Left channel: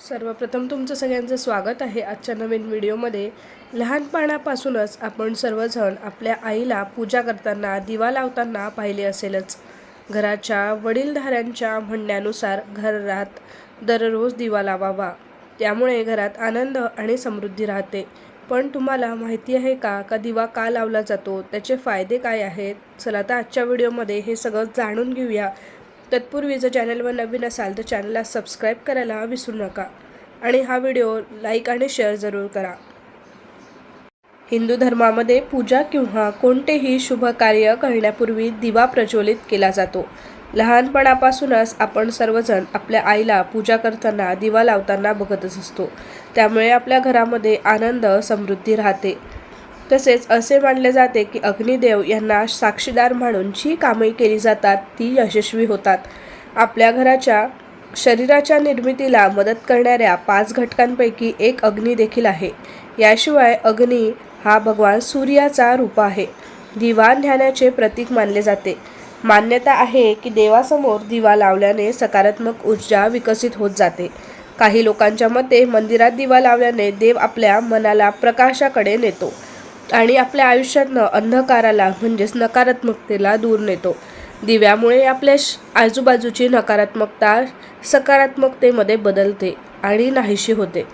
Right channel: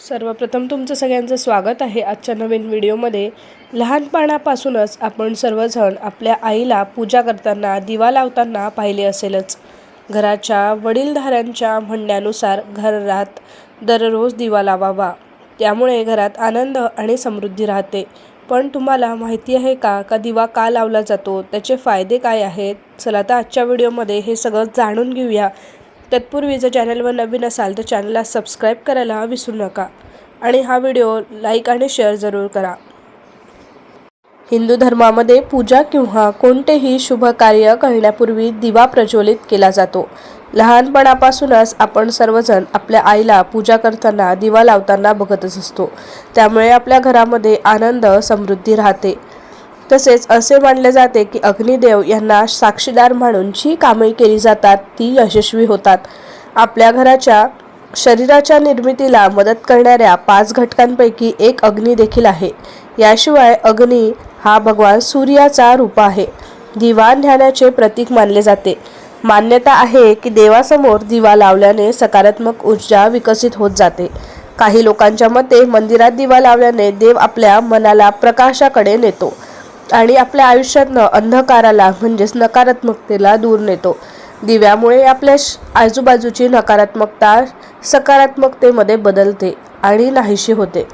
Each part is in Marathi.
सर्वप्रथम तुमचं सगळ्यांचं स्वागत आहे आजच्या नवीन व्हिडिओमध्ये. लहानपणापासूनच आपण सर्वजण आपल्या आईला पूजा करताना दिवा लावताना पाहिले असेलच. घराच्या वडीलधाऱ्यांच्या म्हणण्यानुसार घरात दररोज दिवा लावावा. त्यामुळे घरात आनंद आणि समृद्धी राहते. पण तुम्हाला माहिती आहे का का दिवा का लावला जातो? त्याचे फायदे काय आहेत? चला तर आजच्या व्हिडिओमध्ये हे सगळं जाणून घेऊया. तत्पूर्वी जर चॅनलवर नवीन असाल तर चॅनलला सबस्क्राईब करायला विसरू नका. आणि हा व्हिडिओ लाईक आणि शेअर जरूर करा. हिंदू धर्मामध्ये पूजा किंवा कोणतेही शुभ कार्य करण्यापूर्वी दिवा प्रज्वलित केला जातो. लहानपणापासूनच आपण सर्वजण आपल्या आईला पूजा करताना दिवा लावताना बघतच असतो. त्यामुळे आपल्या घरामध्ये आनंद समृद्धी राहते. तसेच असे मानले जाते की अग्निदेव यांना साक्षीदार म्हणून जी कामे केली जातात ती यशस्वी होतात. आपल्या घराच्या शरीराच्या निर्मितीला मदत करणाऱ्या पाच घटकांपैकी एक अग्नी देखील आहे. याशिवाय अग्नी हा भगवान सूर्याचा रूप आहे. दिवा ध्यानाचे प्रतीक मानले जाते. मान्यता आहे की देवासमोर दिवा लावल्याने सकारात्मक ऊर्जा विकसित होत जाते. काही लोकांच्या मते मंदिरात दिवा लावल्याने देव आपल्या मनाला प्रकाशाकडे नेतो. आणि आपल्या आयुष्यातनं अंधकाराला म्हणजेच नकारात्मकतेला दूर नेतो. दिव्यामुळे आपल्या श- आजूबाजूची नकारात्मकता सकारात्मकतेमध्ये बदलते आणि नाहीशी होते.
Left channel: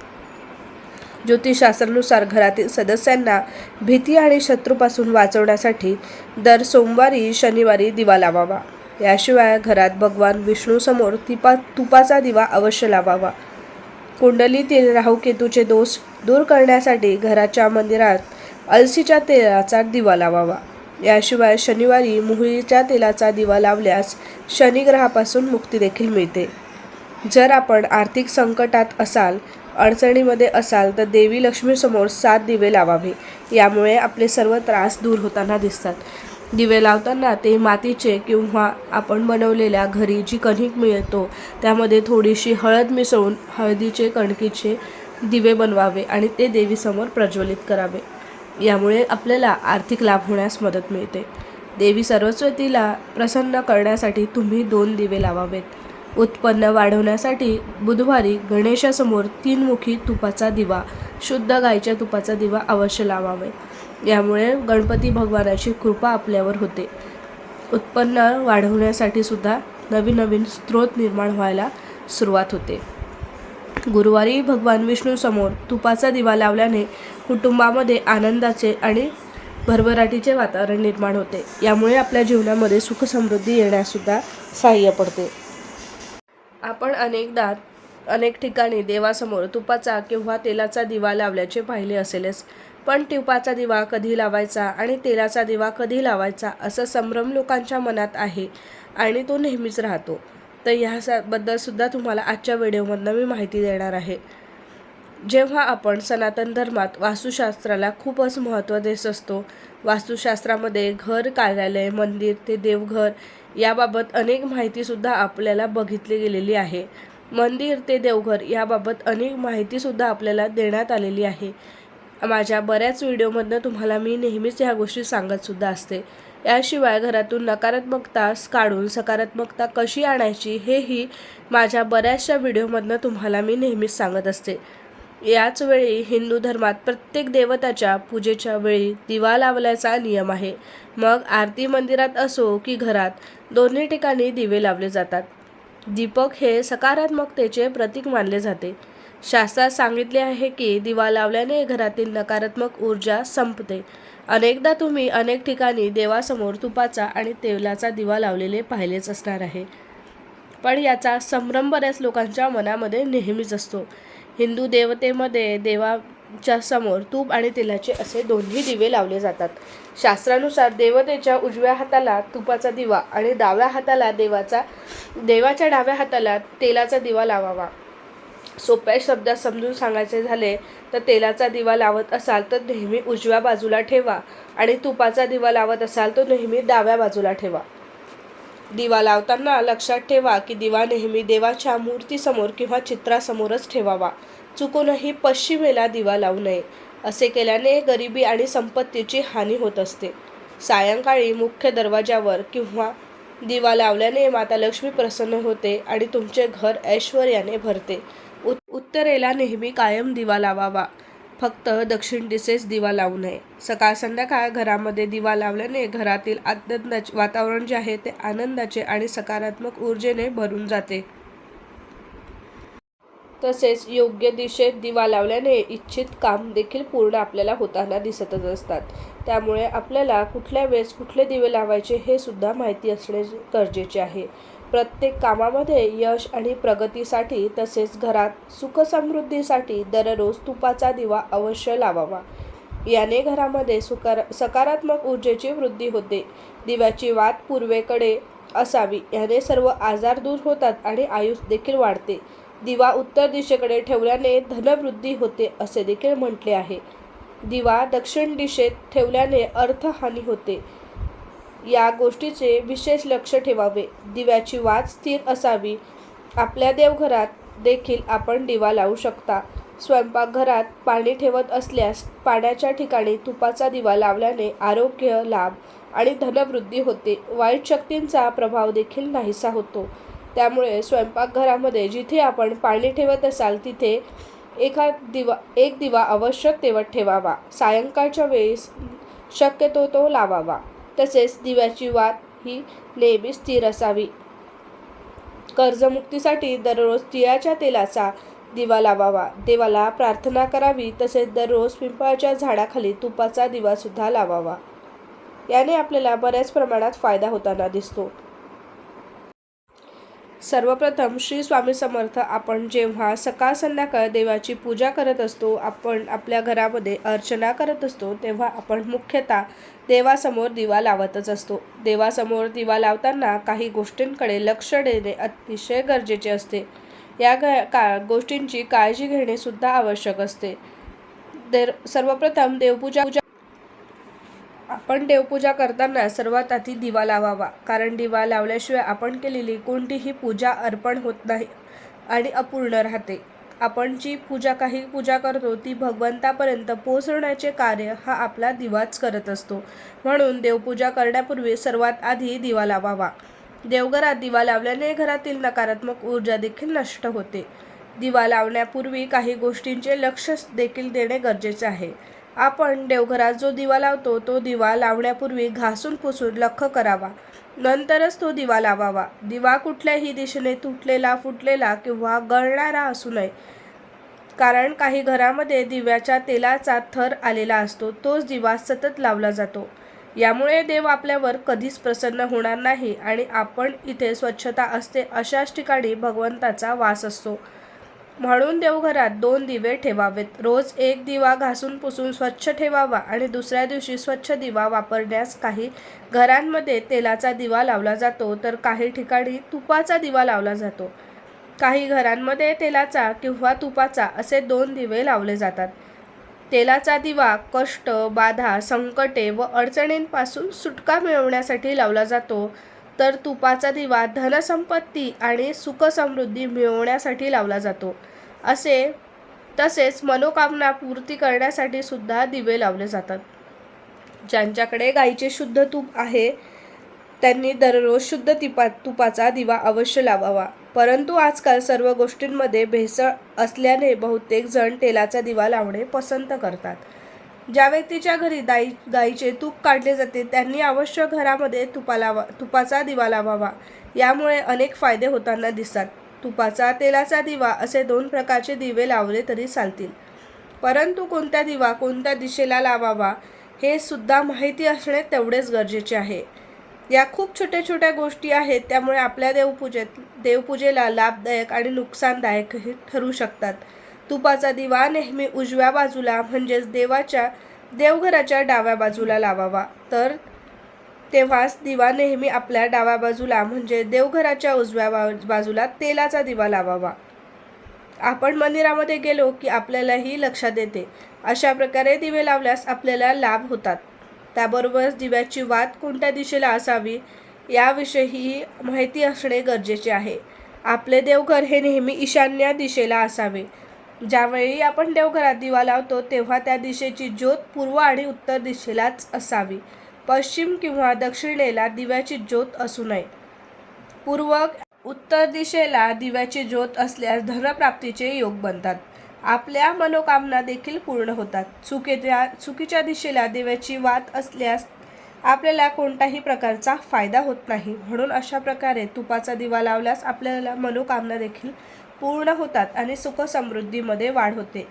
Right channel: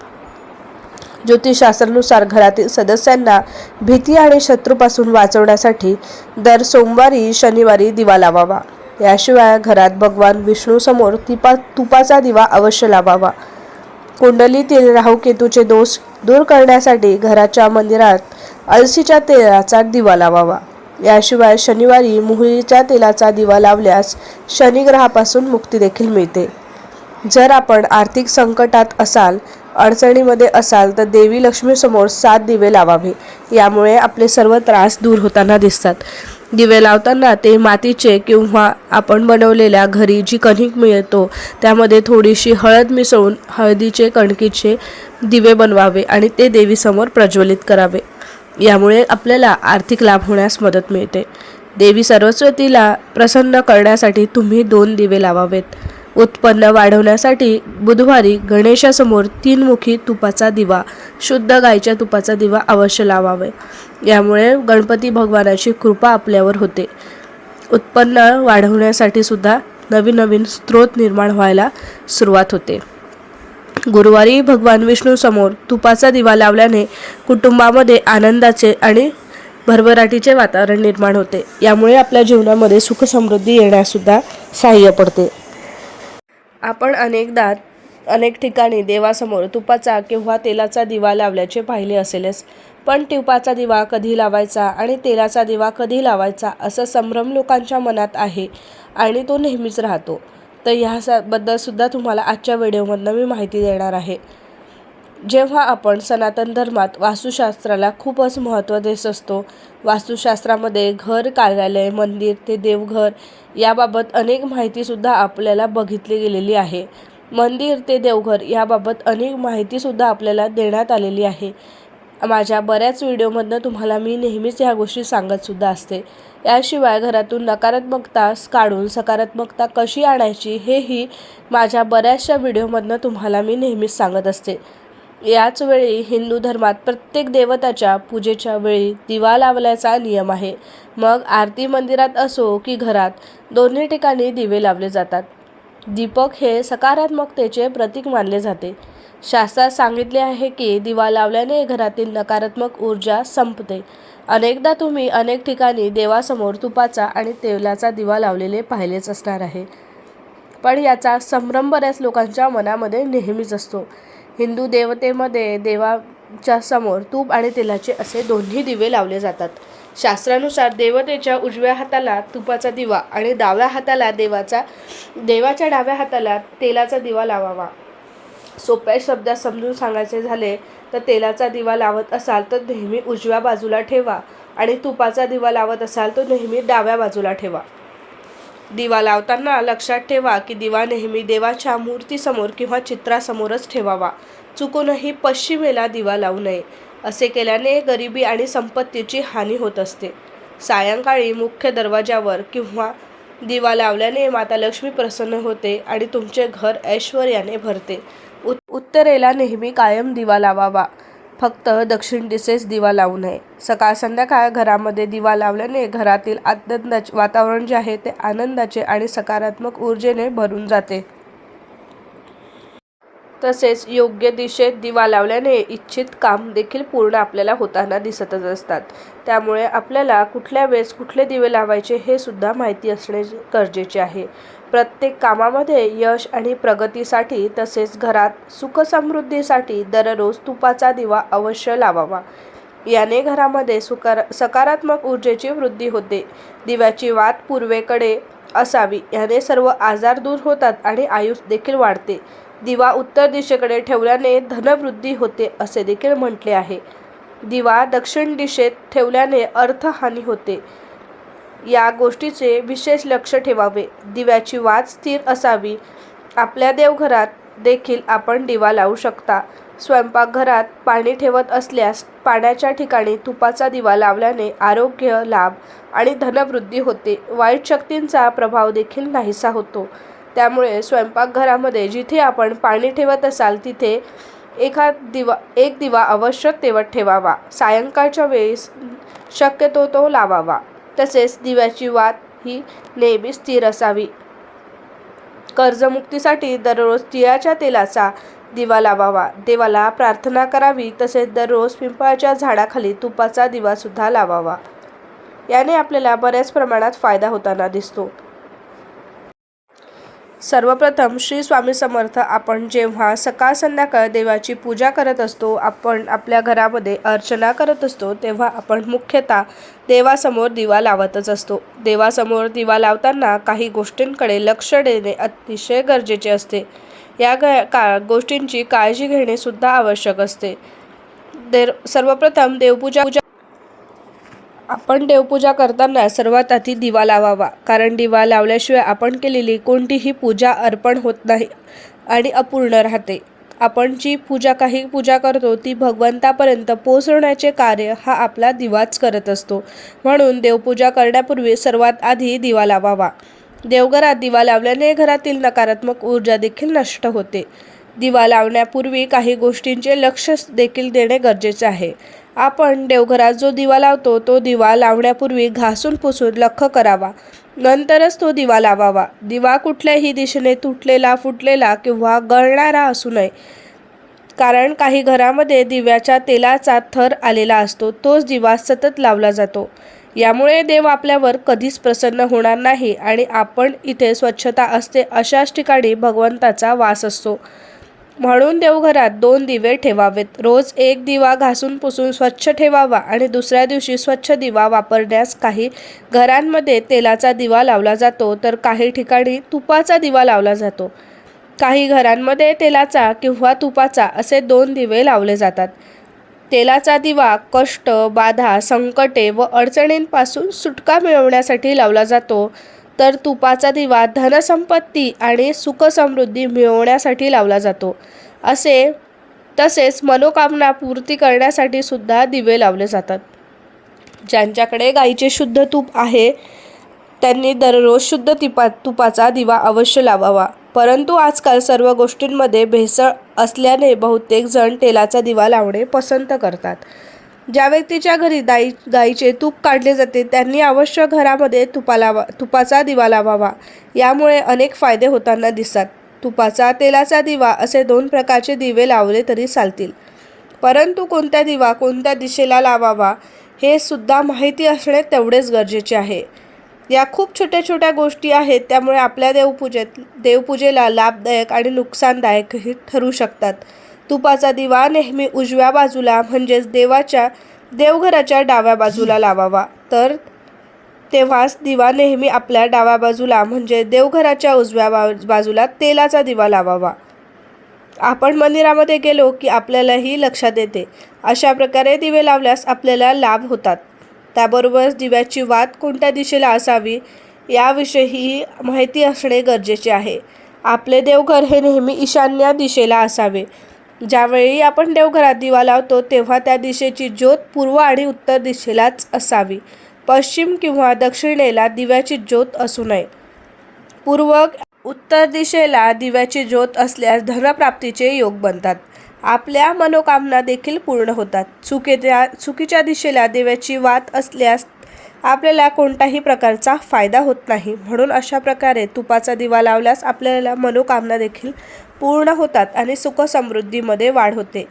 ज्योतिषशास्त्रानुसार घरातील सदस्यांना भीती आणि शत्रूपासून वाचवण्यासाठी दर सोमवारी शनिवारी दिवा लावावा. याशिवाय घरात भगवान विष्णूसमोर तिपा तुपाचा दिवा अवश्य लावावा. कुंडलीतील राहुकेतूचे दोष दूर करण्यासाठी घराच्या मंदिरात अलसीच्या तेलाचा दिवा लावावा. याशिवाय शनिवारी मोहरीच्या तेलाचा दिवा लावल्यास शनिग्रहापासून मुक्ती देखील मिळते. जर आपण आर्थिक संकटात असाल अडचणीमध्ये असाल तर देवी लक्ष्मीसमोर सात दिवे लावावे. यामुळे आपले सर्व त्रास दूर होताना दिसतात. दिवे लावताना ते मातीचे किंवा आपण बनवलेल्या घरी जी कणिक मिळतो त्यामध्ये थोडीशी हळद मिसळून हळदीचे कणकीचे दिवे बनवावे आणि ते देवीसमोर प्रज्वलित करावे. यामुळे आपल्याला आर्थिक लाभ होण्यास मदत मिळते. देवी सरस्वतीला प्रसन्न करण्यासाठी तुम्ही दोन दिवे लावावेत. उत्पन्न वाढवण्यासाठी बुधवारी गणेशासमोर तीनमुखी तुपाचा दिवा शुद्ध गायच्या तुपाचा दिवा अवश्य लावावे. यामुळे गणपती भगवानाची कृपा आपल्यावर होते. उत्पन्न वाढवण्यासाठी सुद्धा नवीन नवीन स्रोत निर्माण व्हायला सुरुवात होते. गुरुवारी भगवान विष्णूसमोर तुपाचा दिवा लावल्याने कुटुंबामध्ये आनंदाचे आणि भरभराटीचे वातावरण निर्माण होते. यामुळे आपल्या जीवनामध्ये सुखसमृद्धी येण्यासुद्धा सहाय्य पडते. आपण अनेकदा अनेक ठिकाणी देवासमोर तुपाचा किंवा तेलाचा दिवा लावल्याचे पाहिले असेलच पण तुपाचा दिवा कधी लावायचा आणि तेलाचा दिवा कधी लावायचा असं संभ्रम लोकांच्या मनात आहे आणि तो नेहमीच राहतो. तर ह्या सुद्धा तुम्हाला आजच्या व्हिडिओमधनं मी माहिती देणार आहे. जेव्हा आपण सनातन धर्मात वास्तुशास्त्राला खूपच महत्त्व देत असतो वास्तुशास्त्रामध्ये घर कार्यालय मंदिर ते देवघर याबाबत अनेक माहितीसुद्धा आपल्याला बघितली गेलेली आहे. मंदिर ते देवघर याबाबत अनेक माहितीसुद्धा आपल्याला देण्यात आलेली आहे. माझ्या बऱ्याच व्हिडिओमधनं तुम्हाला मी नेहमीच ह्या गोष्टी सांगतसुद्धा असते. याशिवाय घरातून नकारात्मकता काढून सकारात्मकता कशी आणायची हेही माझ्या बऱ्याचशा व्हिडिओमधनं तुम्हाला मी नेहमीच सांगत असते. याच वेळी हिंदू धर्मात प्रत्येक देवताच्या पूजेच्या वेळी दिवा लावल्याचा नियम आहे. मग आरती मंदिरात असो की घरात दोन्ही ठिकाणी दिवे लावले जातात. दीपक हे सकारात्मकतेचे प्रतीक मानले जाते. शास्त्रात सांगितले आहे की दिवा लावल्याने घरातील नकारात्मक ऊर्जा संपते. अनेकदा तुम्ही अनेक ठिकाणी देवासमोर तुपाचा आणि तेलाचा दिवा लावलेले पाहिलेच असणार आहे. पण याचा संभ्रम बऱ्याच लोकांच्या मनामध्ये नेहमीच असतो. हिंदू देवतेमध्ये देवाच्या समोर तूप आणि तेलाचे असे दोन्ही दिवे लावले जातात. शास्त्रानुसार देवतेच्या उजव्या हाताला तुपाचा दिवा आणि डाव्या हाताला देवाचा देवाच्या डाव्या हाताला तेलाचा दिवा लावावा. सोप्या शब्दात समजून सांगायचे झाले तर तेलाचा दिवा लावत असाल तर नेहमी उजव्या बाजूला ठेवा आणि तुपाचा दिवा लावत असाल तर नेहमी डाव्या बाजूला ठेवा. दिवा लावताना लक्षात ठेवा की दिवा नेहमी देवाच्या मूर्तीसमोर किंवा चित्रासमोरच ठेवावा. चुकूनही पश्चिमेला दिवा लावू नये. असे केल्याने गरिबी आणि संपत्तीची हानी होत असते. सायंकाळी मुख्य दरवाजावर किंवा दिवा लावल्याने माता लक्ष्मी प्रसन्न होते आणि तुमचे घर ऐश्वर्याने भरते. उत्तरेला नेहमी कायम दिवा लावावा. फक्त दक्षिण दिशेस दिवा लावू नये. सकाळ संध्याकाळ घरामध्ये दिवा लावल्याने घरातील आनंदाचे वातावरण जे आहे ते आनंदाचे आणि सकारात्मक ऊर्जेने भरून जाते. तसेच योग्य दिशेत दिवा लावल्याने इच्छित काम देखील पूर्ण आपल्याला होताना दिसतच असतात. त्यामुळे आपल्याला कुठल्या वेळेस कुठले दिवे लावायचे हे सुद्धा माहिती असणे गरजेचे आहे. प्रत्येक कामामध्ये यश आणि प्रगतीसाठी तसेच घरात सुखसमृद्धीसाठी दररोज तुपाचा दिवा अवश्य लावावा. याने घरामध्ये सुकार सकारात्मक ऊर्जेची वृद्धी होते. दिव्याची वात पूर्वेकडे असावी याने सर्व आजार दूर होतात आणि आयुष देखील वाढते. दिवा उत्तर दिशेकडे ठेवल्याने धनवृद्धी होते असे देखील म्हटले आहे. दिवा दक्षिण दिशेत ठेवल्याने अर्थहानी होते. या गोष्टीचे विशेष लक्ष ठेवावे. दिव्याची वात स्थिर असावी. आपल्या देवघरात देखील आपण दिवा लावू शकता. स्वयंपाकघरात पाणी ठेवत असल्यास पाण्याच्या ठिकाणी तुपाचा दिवा लावल्याने आरोग्य लाभ आणि धनवृद्धी होते. वाईट शक्तींचा प्रभाव देखील नाहीसा होतो. त्यामुळे स्वयंपाकघरामध्ये जिथे आपण पाणी ठेवत असाल तिथे एखाद दिवा एक दिवा आवश्यक तेवत ठेवावा. सायंकाळच्या वेळेस शक्यतो तो लावावा. तसेच दिव्याची वात ही नेहमी स्थिर असावी. कर्जमुक्तीसाठी दररोज तिळाच्या तेलाचा दिवा लावावा. देवाला प्रार्थना करावी. तसेच दररोज पिंपळाच्या झाडाखाली तुपाचा दिवासुद्धा लावावा. याने आपल्याला बऱ्याच प्रमाणात फायदा होताना दिसतो. सर्वप्रथम श्री स्वामी समर्थ आपण जेव्हा सकाळ संध्याकाळ देवाची पूजा करत असतो आपण आपल्या घरामध्ये अर्चना करत असतो तेव्हा आपण मुख्यतः देवासमोर दिवा लावतच असतो. देवासमोर दिवा लावताना काही गोष्टींकडे लक्ष देणे अतिशय गरजेचे असते. या ग का गोष्टींची काळजी घेणे सुद्धा आवश्यक असते. देर सर्वप्रथम देवपूजा पूजा आपण देवपूजा करताना सर्वात आधी दिवा लावावा कारण दिवा लावल्याशिवाय आपण केलेली कोणतीही पूजा अर्पण होत नाही आणि अपूर्ण राहते. आपण जी पूजा काही पूजा करतो ती भगवंतापर्यंत पोहोचवण्याचे कार्य हा आपला दिवाच करत असतो. म्हणून देवपूजा करण्यापूर्वी सर्वात आधी दिवा लावावा. देवघरात दिवा लावल्याने घरातील नकारात्मक ऊर्जा देखील नष्ट होते. दिवा लावण्यापूर्वी काही गोष्टींचे लक्ष देखील देणे गरजेचे आहे. आपण देवघरात जो दिवा लावतो तो दिवा लावण्यापूर्वी घासून पुसून लख करावा. नंतरच तो दिवा लावावा. दिवा कुठल्याही दिशेने तुटलेला फुटलेला किंवा गळणारा असू नये. कारण काही घरामध्ये दिव्याच्या तेलाचा थर आलेला असतो तोच दिवा सतत लावला जातो. यामुळे देव आपल्यावर कधीच प्रसन्न होणार नाही आणि आपण इथे स्वच्छता असते अशाच ठिकाणी भगवंताचा वास असतो. म्हणून देवघरात दोन दिवे ठेवावेत. रोज एक दिवा घासून पुसून स्वच्छ ठेवावा आणि दुसऱ्या दिवशी स्वच्छ दिवा वापरण्यास काही घरांमध्ये तेलाचा दिवा लावला जातो तर काही ठिकाणी तुपाचा दिवा लावला जातो. काही घरांमध्ये तेलाचा किंवा तुपाचा असे दोन दिवे लावले जातात. तेलाचा दिवा कष्ट बाधा संकटे व अडचणींपासून सुटका मिळवण्यासाठी लावला जातो. तर तुपाचा दिवा धनसंपत्ती आणि सुखसमृद्धी मिळवण्यासाठी लावला जातो. असे तसेच मनोकामना पूर्ती करण्यासाठी सुद्धा दिवे लावले जातात. ज्यांच्याकडे गाईचे शुद्ध तूप आहे त्यांनी दररोज शुद्ध तिपा तुपाचा दिवा अवश्य लावावा. परंतु आजकाल सर्व गोष्टींमध्ये भेसळ असल्याने बहुतेक जण तेलाचा दिवा लावणे पसंत करतात. ज्या व्यक्तीच्या घरी दाई गाईचे तूप काढले जाते त्यांनी अवश्य घरामध्ये तुपा लावा तुपाचा दिवा लावावा. यामुळे अनेक फायदे होताना दिसतात. तुपाचा तेलाचा दिवा असे दोन प्रकारचे दिवे लावले तरी चालतील. परंतु कोणता दिवा कोणत्या दिशेला लावावा हे सुद्धा माहिती असणे तेवढेच गरजेचे आहे. या खूप छोट्या छोट्या गोष्टी आहेत त्यामुळे आपल्या देवपूजेत देवपूजेला लाभदायक आणि नुकसानदायकही ठरू शकतात. तुपाचा दिवा नेहमी उजव्या बाजूला म्हणजेच देवाच्या देवघराच्या डाव्या बाजूला लावावा. तर तेव्हाच दिवा नेहमी आपल्या डाव्या बाजूला म्हणजे देवघराच्या उजव्या बा बाजूला तेलाचा दिवा लावावा. आपण मंदिरामध्ये गेलो की आपल्यालाही लक्षात येते. अशा प्रकारे दिवे लावल्यास आपल्याला लाभ होतात. त्याबरोबरच दिव्याची वात कोणत्या दिशेला असावी याविषयी माहिती असणे गरजेचे आहे. आपले देवघर हे नेहमी ईशान्य दिशेला असावे. ज्यावेळी आपण देवघरात दिवा लावतो तेव्हा त्या दिशेची ज्योत पूर्व आणि उत्तर दिशेलाच असावी. पश्चिम किंवा दक्षिणेला दिव्याची ज्योत असू नये. पूर्व उत्तर दिशेला दिव्याची ज्योत असल्यास धनप्राप्तीचे योग बनतात. आपल्या मनोकामना देखील पूर्ण होतात. चुकीच्या चुकीच्या दिशेला दिव्याची वात असल्यास आपल्याला कोणताही प्रकारचा फायदा होत नाही. म्हणून अशा प्रकारे तुपाचा दिवा लावल्यास आपल्याला मनोकामना देखील पूर्ण होतात आणि सुखसमृद्धीमध्ये वाढ होते.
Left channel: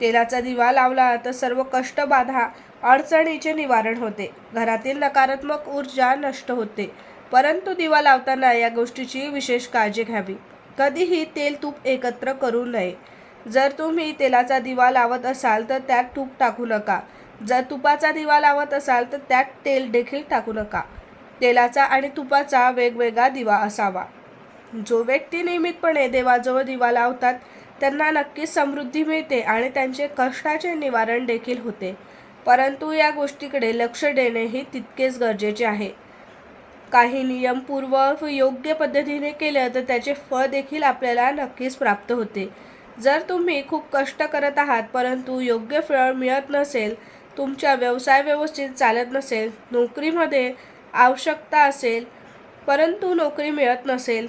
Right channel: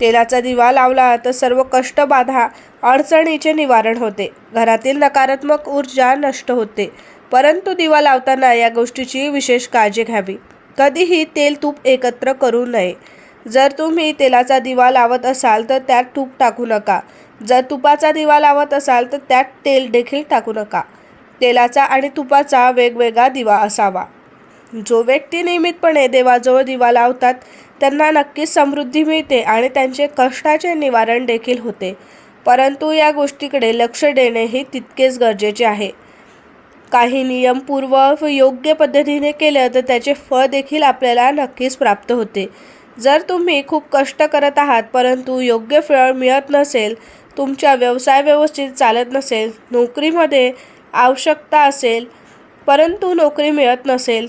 तेलाचा दिवा लावला तर सर्व कष्टबाधा अडचणीचे निवारण होते. घरातील नकारात्मक ऊर्जा नष्ट होते. परंतु दिवा लावताना या गोष्टीची विशेष काळजी घ्यावी. कधीही तेल तूप एकत्र करू नये. जर तुम्ही तेलाचा दिवा लावत असाल तर त्यात तूप टाकू नका. जर तुपाचा दिवा लावत असाल तर त्यात तेल देखील टाकू नका. तेलाचा आणि तुपाचा वेगवेगळा दिवा असावा. जो व्यक्ती नियमितपणे देवाजवळ दिवा लावतात त्यांना नक्कीच समृद्धी मिळते आणि त्यांचे कष्टाचे निवारण देखील होते. परंतु या गोष्टीकडे लक्ष देणेही तितकेच गरजेचे आहे. काही नियमपूर्व व योग्य पद्धतीने केलं तर त्याचे फळ देखील आपल्याला नक्कीच प्राप्त होते. जर तुम्ही खूप कष्ट करत आहात परंतु योग्य फळ मिळत नसेल तुमचा व्यवसाय व्यवस्थित चालत नसेल नोकरीमध्ये आवश्यकता असेल परंतु नोकरी मिळत नसेल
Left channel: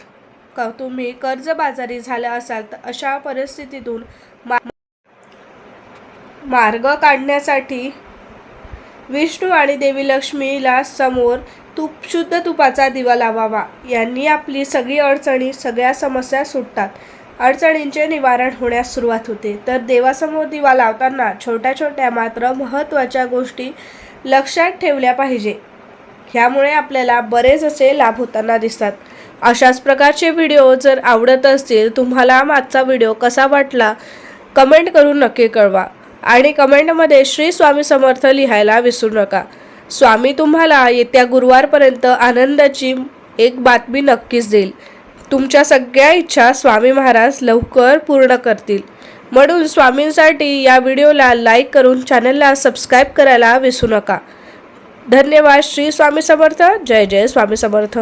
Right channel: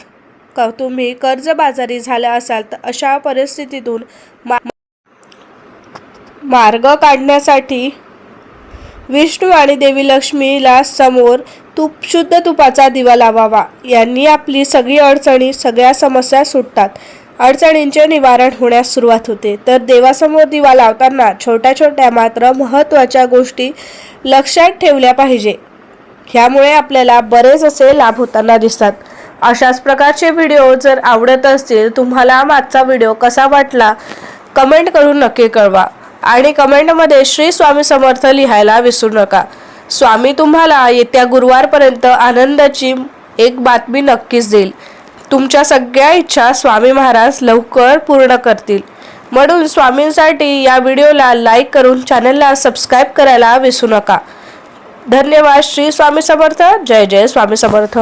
क तुम्ही कर्जबाजारी झाला असाल तर अशा परिस्थितीतून मा मार्ग काढण्यासाठी विष्णू आणि देवी लक्ष्मीला समोर तूप शुद्ध तुपाचा दिवा लावावा. यांनी आपली सगळी अडचणी सगळ्या समस्या सुटतात. अडचणींचे निवारण होण्यास सुरुवात होते. तर देवासमोर दिवा लावताना छोट्या छोट्या मात्र महत्त्वाच्या गोष्टी लक्षात ठेवल्या पाहिजे. ह्यामुळे आपल्याला बरेच असे लाभ होताना दिसतात. अशाच प्रकारचे व्हिडिओ जर आवडत असतील तुम्हाला मागचा व्हिडिओ कसा वाटला कमेंट करून नक्की कळवा. आणि कमेंटमध्ये श्री स्वामी समर्थ लिहायला विसरू नका. स्वामी तुम्हाला येत्या गुरुवारपर्यंत आनंदाची एक बातमी नक्कीच देईल. तुमच्या सगळ्या इच्छा स्वामी महाराज लवकर पूर्ण करतील. म्हणून स्वामींसाठी या व्हिडिओला लाईक करून चॅनलला सबस्क्राईब करायला विसरू नका. धन्यवाद श्री स्वामी समर्थ. जय जय स्वामी समर्थ.